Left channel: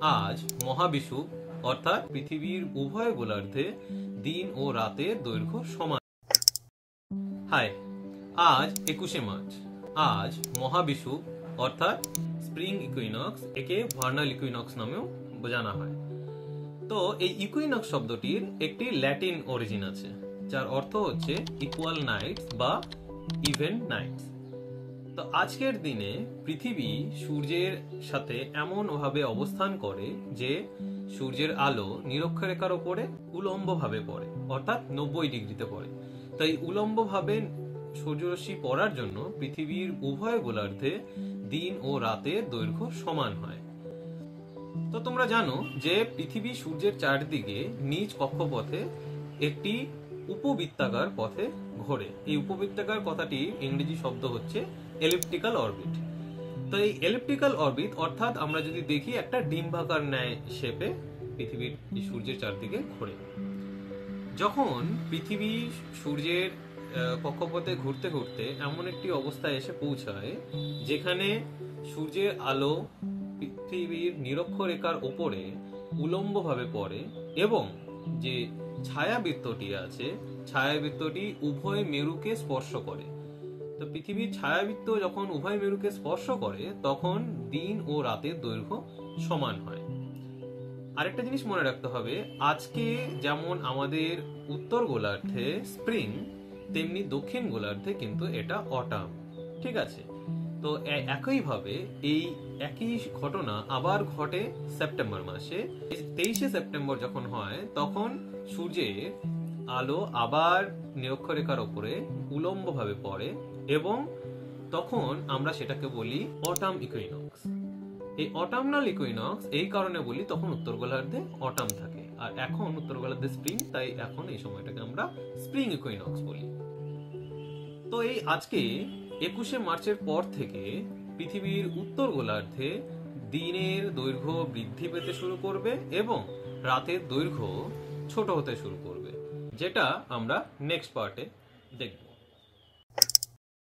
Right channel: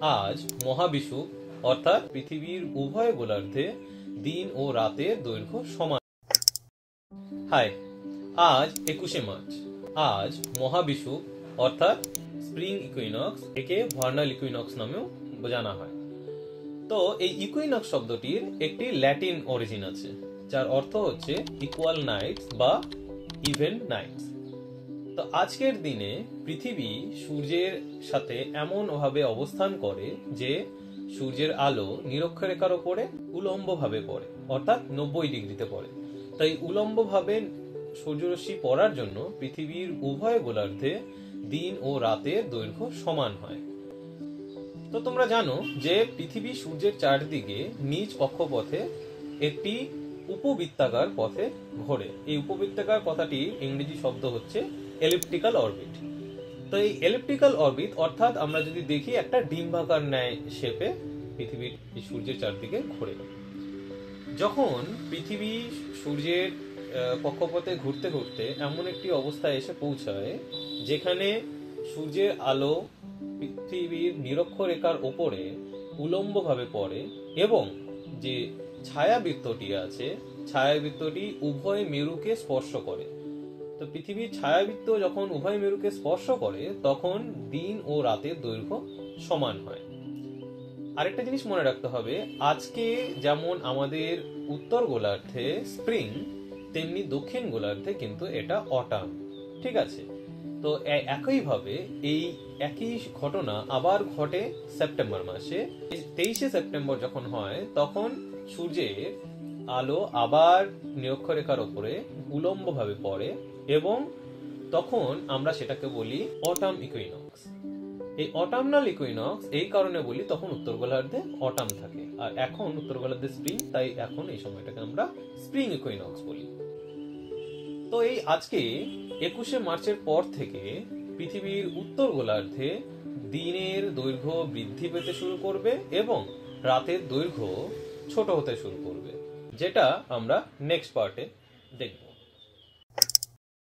আজ মহাবিষুব অর্থাৎ পৃথিবীর উভয় গোলার্ধে দিন ও রাতের দৈর্ঘ্য সমান। হাই, আজ 21শে মার্চ। আজ মহাবিষুব অর্থাৎ স্প্রিং ইকুইনক্স, একে ভার্নাল ইকুইনক্স নামেও জানা হয়। তো এই ইকুইনক্স শব্দটির একটি ল্যাটিন অরিজিন আছে, যার অর্থ হচ্ছে ইকুয়াল নাইটস বা ইভেন নাইটস। তো আজকের দিনে পৃথিবী সূর্যের সাথে এমন ভাবে অবস্থান করে যে সূর্যের আলো নিরক্ষরেখার ওপরে উলম্ব ভাবে পড়ে, অর্থাৎ 90 ডিগ্রিতে পড়ে। তাই উলম্ব ভাবে সূর্যরশ্মি পড়ার জন্য পৃথিবীর উভয় গোলার্ধে দিন ও রাতের দৈর্ঘ্য সমান হয়। তো তোমরা জানো যে পৃথিবী সূর্যের চারদিকে নিজ কক্ষপথে একটি উপবৃত্তাকার পথে ঘোরে। এই উপবৃত্তাকার কথাটির ইংরেজি শব্দ হচ্ছে এলিপ্টিক্যাল অরবিট। তো এই এলিপ্টিক্যাল অরবিট অর্থাৎ আমরা যদি দেখি একটা ডিম্বাকার ন্যায় শেপে পৃথিবীর সূর্যের চারদিকে ঘোরে। যখন পৃথিবী সূর্যের কক্ষপথে ঘুরতে ঘুরতে এমন একটি অবস্থায় এসে পৌঁছায় যেখানে সূর্যের আলো পৃথিবীর নিরক্ষরেখার ওপরে উলম্বভাবে পড়ে এবং যে ছায়াবৃত্তটি আছে, ছায়াবৃত্তটি উভয় মেরুকে স্পর্শ করে। তো পৃথিবীর ছায়াবৃত্ত যখন উভয় মেরুকে স্পর্শ করে তখন দিন ও রাতের দৈর্ঘ্য সমান হয়। আরেকটা জিনিস মনে রাখতে হবে, আজকে যেমন আমাদের উত্তর গোলার্ধে স্প্রিং, তেমনি দক্ষিণ গোলার্ধে কিন্তু এটা অটাম। ঠিক আছে? তো একইভাবে এই একই ঘটনা আবার ঘটে সেপ্টেম্বর মাসে। 23শে সেপ্টেম্বর যখন হয় তখন সূর্যের আলো আবার নিরক্ষরেখার ওপরে উলম্বভাবে পড়ে এবং তখন আমরা সেটাকে বলি অটাম ইকুইনক্স। এই অটামনাল ইকুইনক্স এই কারণে বলি তখন উত্তর গোলার্ধে অটাম থাকে, আর এখন উত্তর গোলার্ধে স্প্রিং, তাই এখন এই সময়টাকে আমরা স্প্রিং ইকুইনক্স বলি। তো এই আজকে 21শে মার্চের পর থেকে পৃথিবীর উত্তর গোলার্ধে দিনের দৈর্ঘ্য বৃদ্ধি পেতে শুরু করবে এবং রাতের দৈর্ঘ্য ছোট হতে শুরু করবে, যেটা আমরা নেক্সট পার্টে দেখব।